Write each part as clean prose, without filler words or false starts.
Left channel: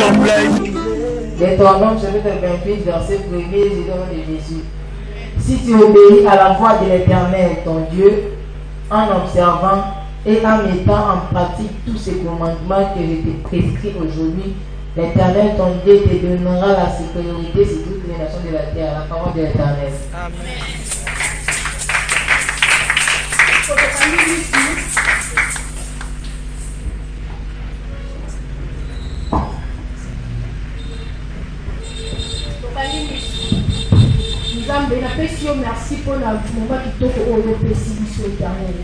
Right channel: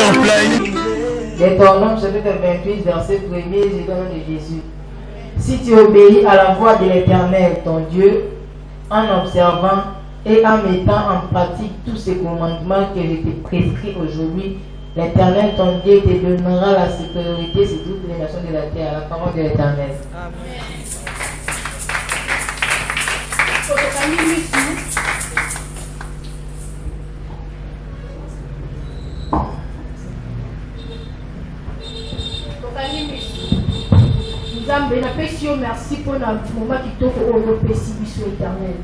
sur play. Deutéronome chapitre 28, verset 1er, du nom de Jésus. Si tu obéis à la voix de l'Éternel, ton Dieu, en observant et en mettant en pratique tous ces commandements que je te prescris aujourd'hui, l'Éternel, ton Dieu, te donnera la sécurité sur toutes les nations de la terre. La parole de l'Éternel. Amen. Merci pour le moment qui t'offre au sur éternel.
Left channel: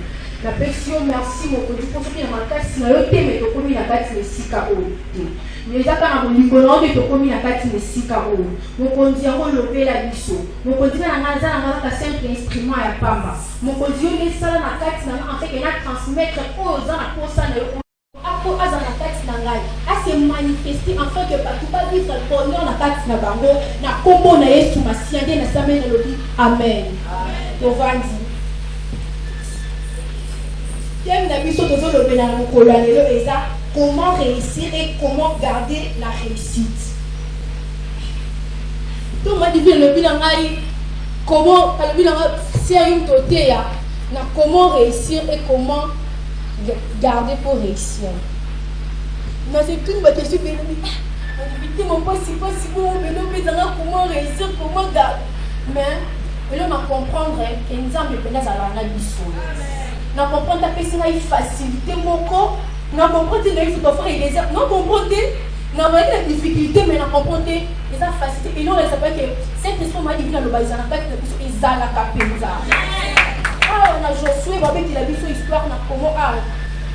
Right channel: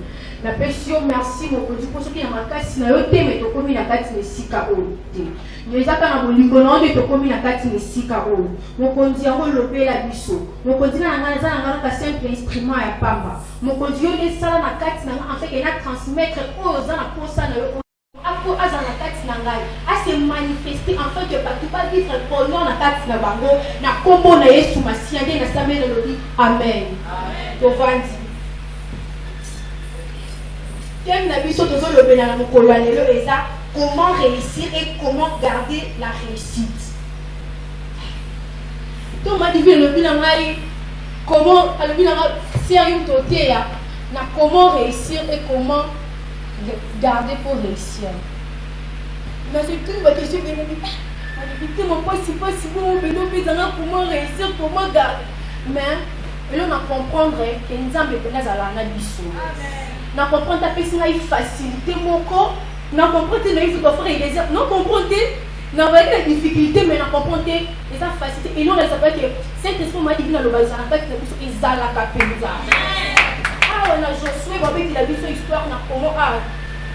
Merci mon Dieu pour ce qui est dans ma carte, si mais tu commis la carte de Sika Ote. Mais ça quand on dit que tu commis la carte de Sika Ote. Mon Dieu, on le la biso. Mon Dieu, on a un simple instrument à Pamba. Mon Dieu, on est ça dans la carte, en fait, il a transmettre aux gens à cause de à se manifester en fait que tu pas vivre pour nous na kati na bango na kombo na Yesu masiande na samé na lobi amen tovandi kem na biso tozo lobe na mokolo lelo eza comment réussir et comment garder la réussite to ma divine lobi na ngai comment lobi na sérieux toté ya na comment réussir et comment garder pour réussir. Mais c'est tout ma question, mais mon point, c'est pas si bon, mais comment réussir, comment garder. Mais là, on comprendre que nous avons besoin de la mission. On comprend que c'est une facilité, mon corps. On comprend que c'est une facilité. On comprend que on a la difficulté, mais on comprend que c'est une facilité. Et nous, on s'appelle que cette esprit m'a dit que dans le bazar, on a fait que c'est la capéza. Ah, on a Josué, on a dit la histoire, on a comment.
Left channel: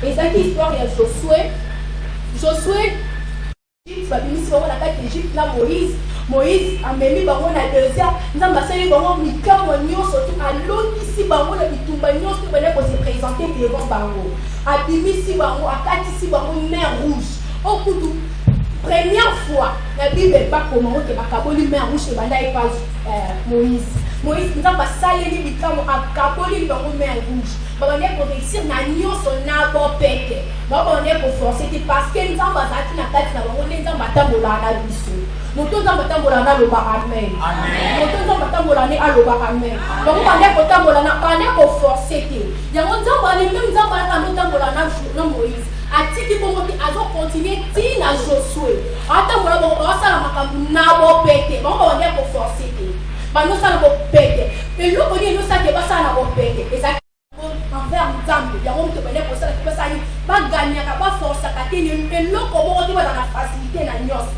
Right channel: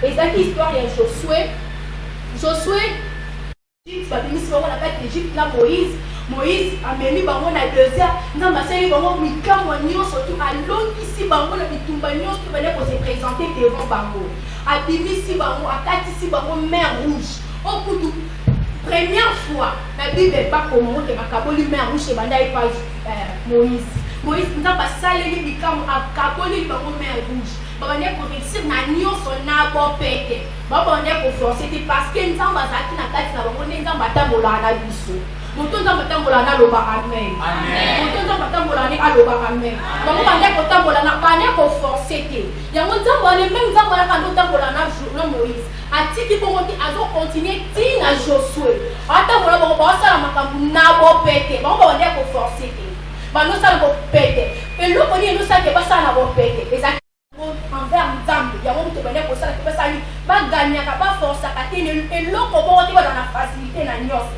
Et ça, l'histoire, il y a Josué. Josué, il va venir sur la carte d'Égypte, là, Moïse a mis bango na désert, nous avons passé bango mikamo surtout à l'autre ici bango na bitumba nyonso pour se présenter devant bango. A bimisi bango, a kati ici bango mer rouge. Au coup première fois, la Bible n'est pas comment que makaboli mer rouge et banda et pas Moïse. Moïse nous a passé les mikamo a kaboli bango mer rouge. On est pour réussir na nyonso na bo peke. On est pour forcer parce que nous avons zaki na kati na bango nous avons batambola na biso. Moto nzamba tambola na loba amen. Amen. Moto nzamba tambola ni aloba amen. Donc on est pour tambola na pas ne ko forcer te. Ya mon nzamba ni même nzamba na quand tambola na Moïse. Atiki bongo ti azo continuer ti na Josué. Atambola bongo ba sala makambu na bo peke. Bongo on est pour forcer te. Ba no sala bo peke. Et lo koni no sala ba sala bo peke. Envers nzambe ya mo to bele ko sala ti ba sala ba gagner ka ba forcer ka te le lo ko bo ti ba na facilité na nyos.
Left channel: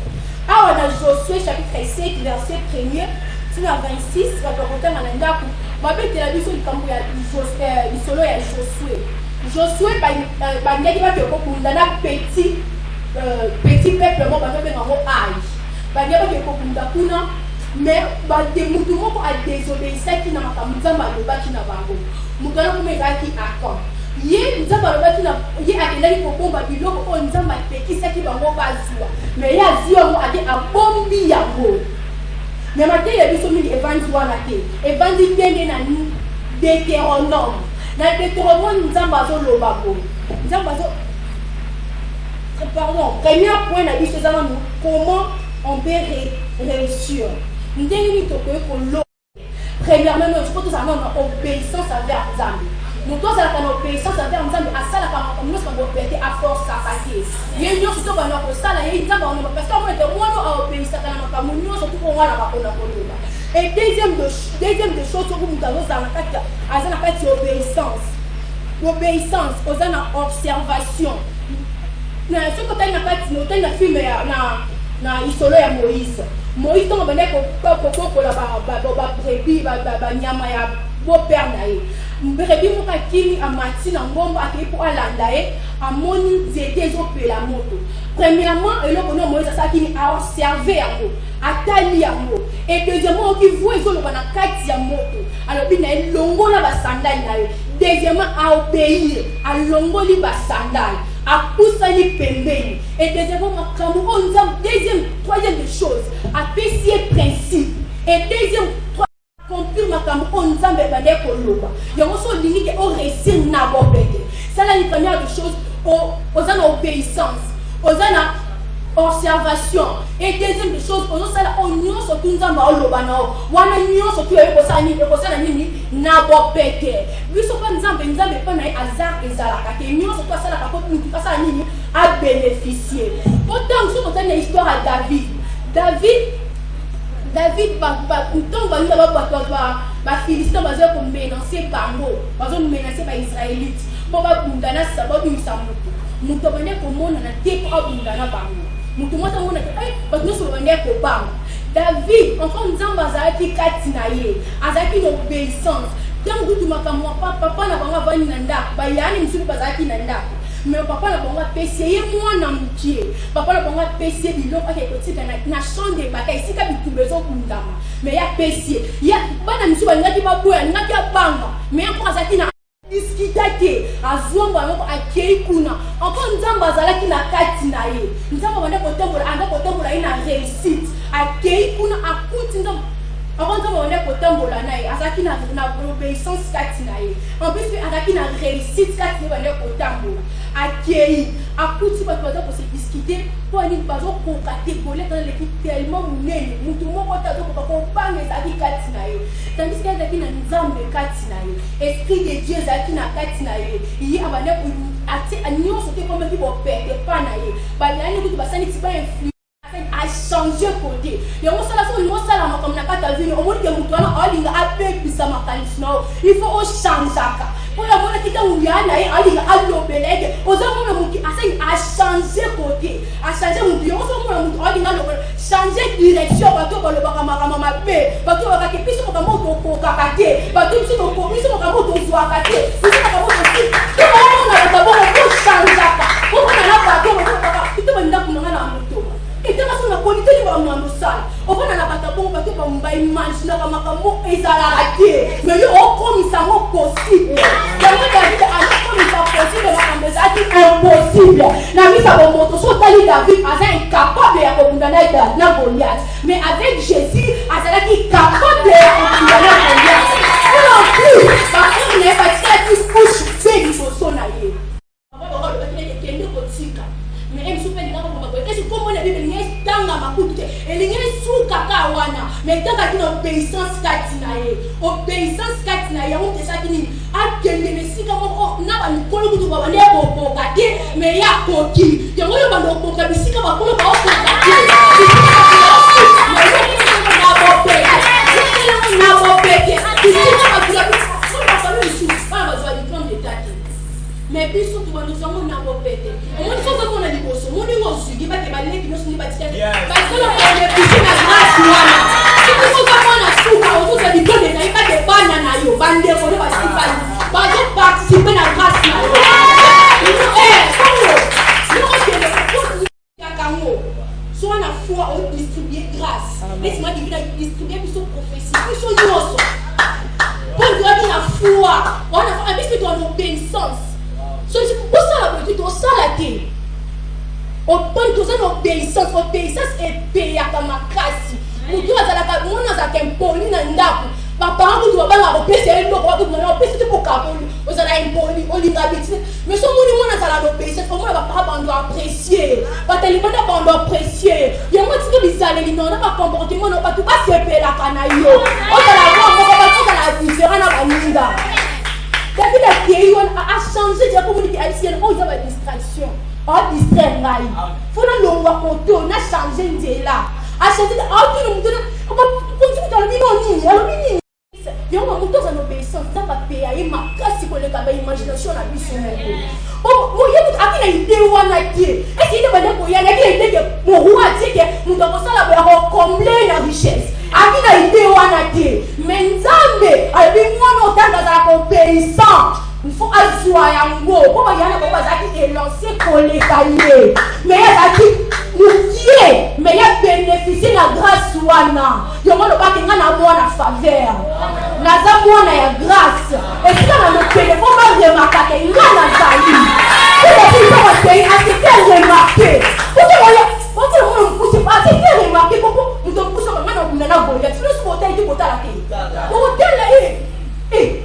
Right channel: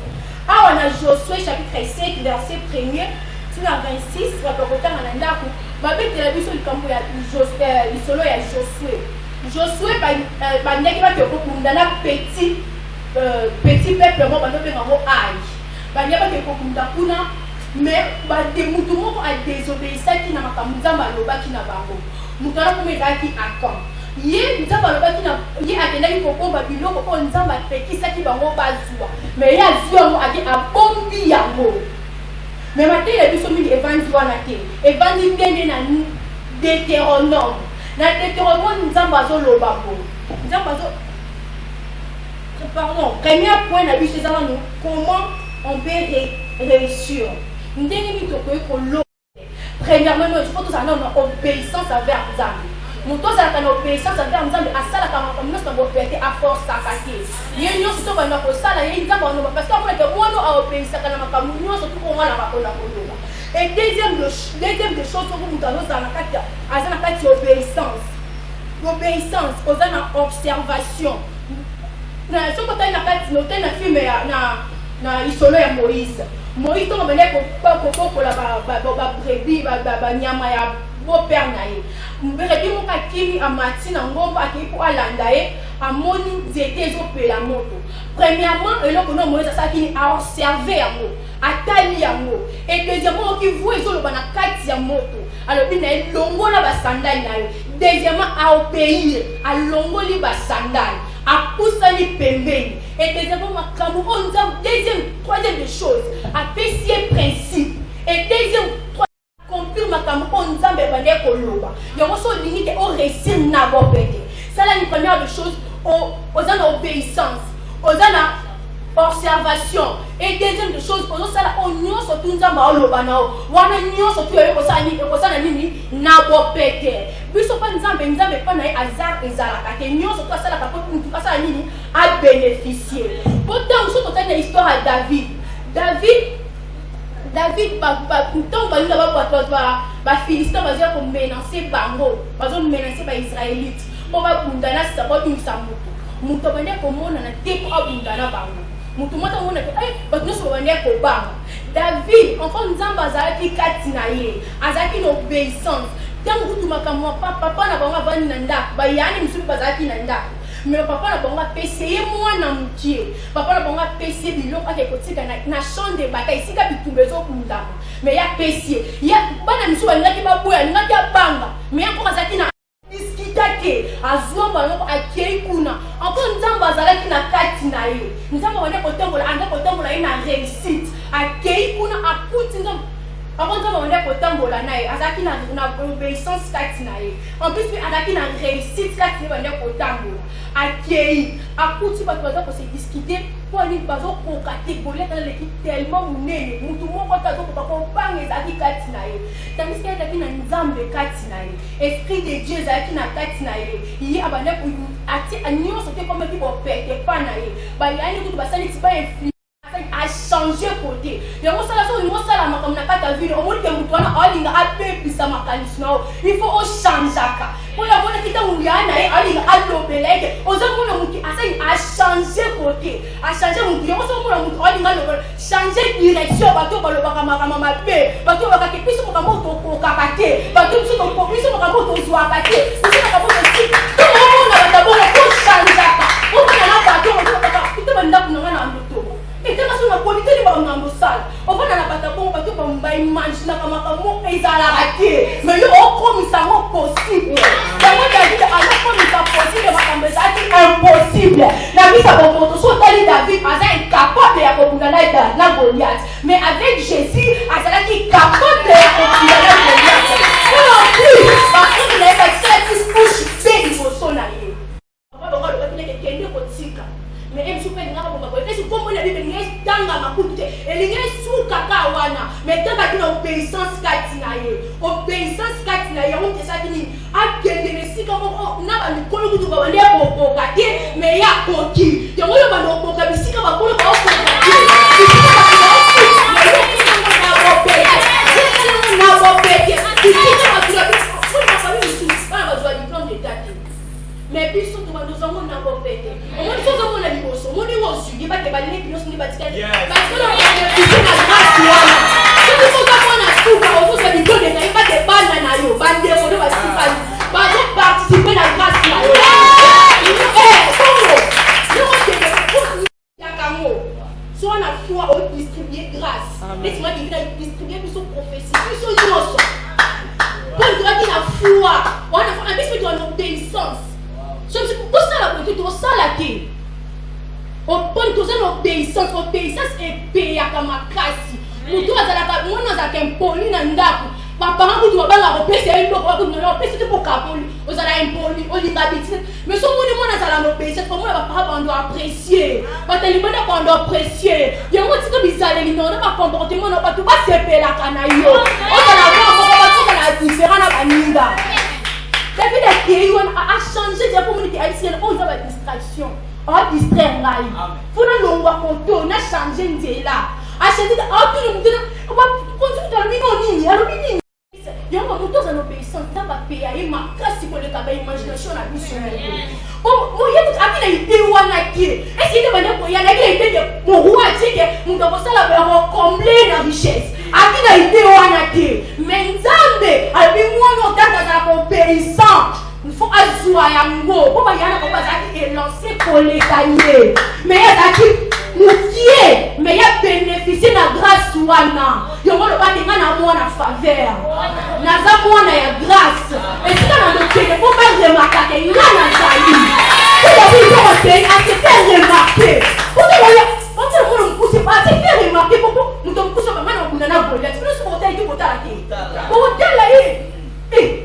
Ah, on a Josué chapitre 5, verset 1er, tu as 26, rapportant à l'endaku. Ma bête la vie sur le camp de solo et Josué. Josué, il qui va te comprendre petit peuple, moi, je vais m'en âge. Il va te comprendre, mais des moutons à désobéir, ça qui n'a pas de qui n'a pas de moutons qui a quoi. Yé nzamba loba kina yé akendaki kokomba biloko ko nzamba pekisaki bango bazwa mais ya zwa ake abombi yango mais matin ya biso mingi evandi wana te evandi ndenge na Deutéronome na Deutéronome nzamba zo loba ko nzamba zo pardon premier point na biso ezala nous comment on peut réussir ndenge ni tokoki kolo premièrement il faut que ça non obéissance envers Nzambe. Nous tous avons l'obéissance envers Nzambe à ça la nous sommes obéis à force à passer. Il y a une chose qu'on a pour ça là il y a parce qu'on est moi nous à obéir ça quand on nous surtout pour moi là pas qu'on a pour et deuxième des choses que nous avons dans la carte à la carte obéissance aux observation. Na ce côté na carte nous t'as film na isolo ya Moïse to mane ko la ba brebis ba nyama ya bo père na ye mbrebi mo ka kimi amati na ngombo aki po alanda ye amoni zete zo pela moto premièrement eloko no Moïse ça qui a observé yango atali yango et deuxièmement qui voit zo loba na kati ya moto alors bi na longola ba sandali na yo deuxièmement a obéir a longoli ba sandali a poussani pembeni et deuxièmement makambo on deuxième troisième des choses a pessier principe et deuxième compris makambo on nzambe bande ko loba yango so limite au réussir na bo peke ça la première des choses aux obéissance aux observation. Et deuxième des choses, on a la union sur tout ça, on a union sur tout ça, na bo peke. Biso pas nzambe pas na hasard ezalaka. Que union sur tout ça la capote pour tout ça nini a bénéficié. Pourtant, nous sommes dans l'histoire à David, ba Philistin bazia ko menacer bango, bazo menacer ba Israélite. Pour ba bundana sabot ni samuto. Muto bane ko mona na te ko abundana bango. Muto mota mona ai ba no so bane ko bango. David encore nzamba azaki katina ye, azaki l'obéissance. Tant que tu makamwa papa na bango bani na ndako, ba yani msuri bazaki na ndako. Mais papa na bango payé moi na mukie. Papa na bango payé biloko akekotika na champ de bataille sika bitubezo kundama. Mais ya payé. Ya bana misu ngaki babuya ngaki banga. Mais encore azaki na discuter azomba ngoko akei kuna. Encore nzamba azalaki na kati na ye. Nzamba wana kotambola anda kotambola ina réussite. Akei kuna akuti nzamba. Avant de on est kotambola na ye, azaki na obéissance kati na ye. En plus azaki na réussite kati na ye kotambola. Akei, akuti ba toza ko se discuter pour aller bazo ko catégorie dans l'équipe tellement munene. Mutu moko tazo ko ko panga ezaki kati na ye. Tandis que azaki na nzambe kati na ye. Esprit de Dieu azaki na kati na ye. Yi abana ku ati anyo sote comme ki bo pete pa na ye. Ba yani ku basani ti ba influence a changé côté. Il y a un seul comme n'a pas vu, au moins que vous avez un peu plus à ma il faut changer. Pour la bonne qui est où il y a un l'obélègue, aux hommes qui a changé côté, a changé mon Dieu, changer direction, bateau pour le bagamama B, bateau pour que puisse pour mon kakate, bateau pour puisse pour mon zoakate, tout le monde a d'abord changer. On a bateau, tout le monde a et tu vas sur la qualité de mon salle. On va dans la bataille pour battre comme un image dans la maman et ça la raté. Mais il y a comme ça possible. La moi David a la comme ça possible ma ça c'est impossible. La mise à bon so tali David a ça incapable ya kobundana na Goliath. Mais avec Jésus a ça qui capable ya kobundana Goliath. Non plus. Parce qu'il n'est pas ça qui push c'est du son allié. On va voir le fait que Kenya kotika. Mais elle se fait là pour côté c'est comme on a dit les tanga makutu et les sous kaka wana mais tant qu'il a obéissance katinaye on te ça qui a kende les si comme na ba mikolo kutu ba ne ko kati mais ya koki ya ngo ba no ko ka bisika ba ko ba ko kati bisika ba ko na bo peke bisika ba mais puis surtout nous avons un peu pété. On dit que on a dit bosso, on dit on suit, pas que balé qui nous dit pas parce que on a poussé la grâce là. Si tu faut pas qu'on a souka, on vous a dit que des pas des bananes yo, bandé on va participer la grâce là. Soit on a foi, on distribue grâce. Laisse-moi dire distribuer plus prophétie, plus chose. Pour dire la foi, on a un petit peu d'obéissance. C'est pour ça la politique, on sent la terre. On prend tout ça l'obéissance est payée à ma classe. Nous tous on a qu'un poli dans ndako. Ma parent qui doit pas la repérer, c'est une fois que nous avons repéré pour capoli. On a un poli, on l'habitude. Mais ce monde on a la repérer, c'est comment la parent on doit apprécier. Pas tellement on doit apprécier. Il y a moi si que bizarre, on n'a pas comportement, on n'a pas tout pas c'est la canaille. On a la voix, on a la différence à Baninda. David a créé, a changé de communauté haïtienne, on a une distraction, on a distraire Rai. Il faut que l'on voit qu'on a changé de là. A changé de là, on va continuer dans le minimum. Il y a un moment dans l'obéissance, ça va payer ma classe pour le travail, imagination, la mission. Moi, il y a une idée où on a dit, est-ce qu'il y a une idée que mon roi dit que nous devons combler la richesse. Aki na idée wana te mais nzambe abi mwana otanga za obéissant il faut azwa yango po ba yana ko bazaki élancer koleka ye mais azaki mutie mais ya bénéficier la grâce wana yo mwana ba tenga na mwana faveur naza mwana ya grâce et ça na le pele po ba remarquer que ngana zali c'est la vie qu'on paye a été remarqué pour que on pousse pas c'est remarqué pour nous donc pousse pas na bundana bolia tu nous monter qui bota la tête hôtel là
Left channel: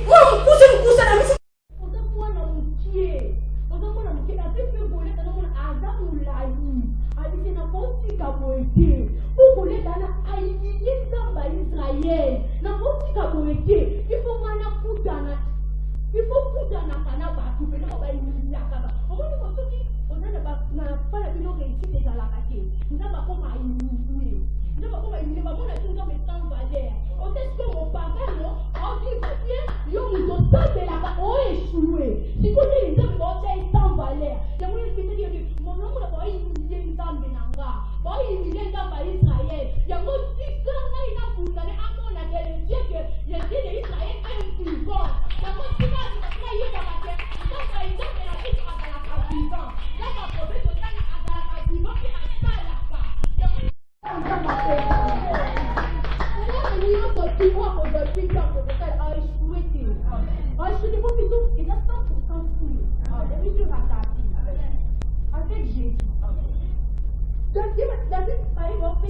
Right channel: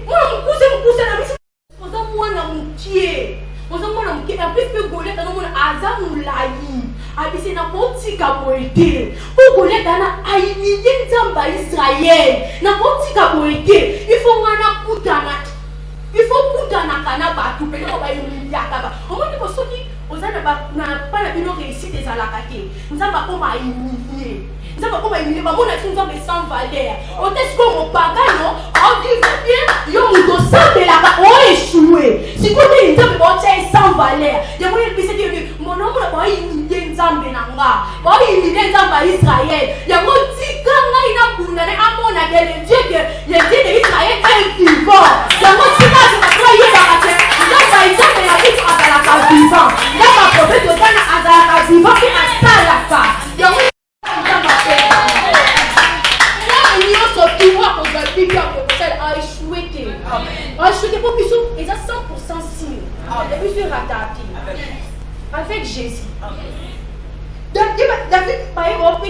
moi on pousse na misi on a moi na mukie on a moi na mukie après que golia kana moi azamulayi abi c'est na kotika boete pour Goliath na humilier nzamba Israël na kotika boete il faut ngana kutana il faut kutana kana batu pe ko ba humilier kaba omoni ko soki ozana ba na pas la bino réussite des alakate nzamba ko ma humilier nzamba ko ma humilier ba mona nzamba sans valeur on est comme au pagano on dit bien yo muto sambe la ba o échoué si ko ni nzamba ko tient sans valeur de mo il bise dire mon homme ba humilier nzambe na nga ba humilier nzamba Israël ya mo tika nga ina kuna ne amona de le Dieu que le Dieu d'Israël est vivant ya mo tika se ba croire ba ka nzamba Israël ya vivre à la vivant la prophète ozana azalaka vivant pe asalaka yango nzamba pe na nyonso pouvoir kozali bien kokosala a échoué te po biso eza 100% signe et puis sur rattrapé avec Jésus. Donc David par exemple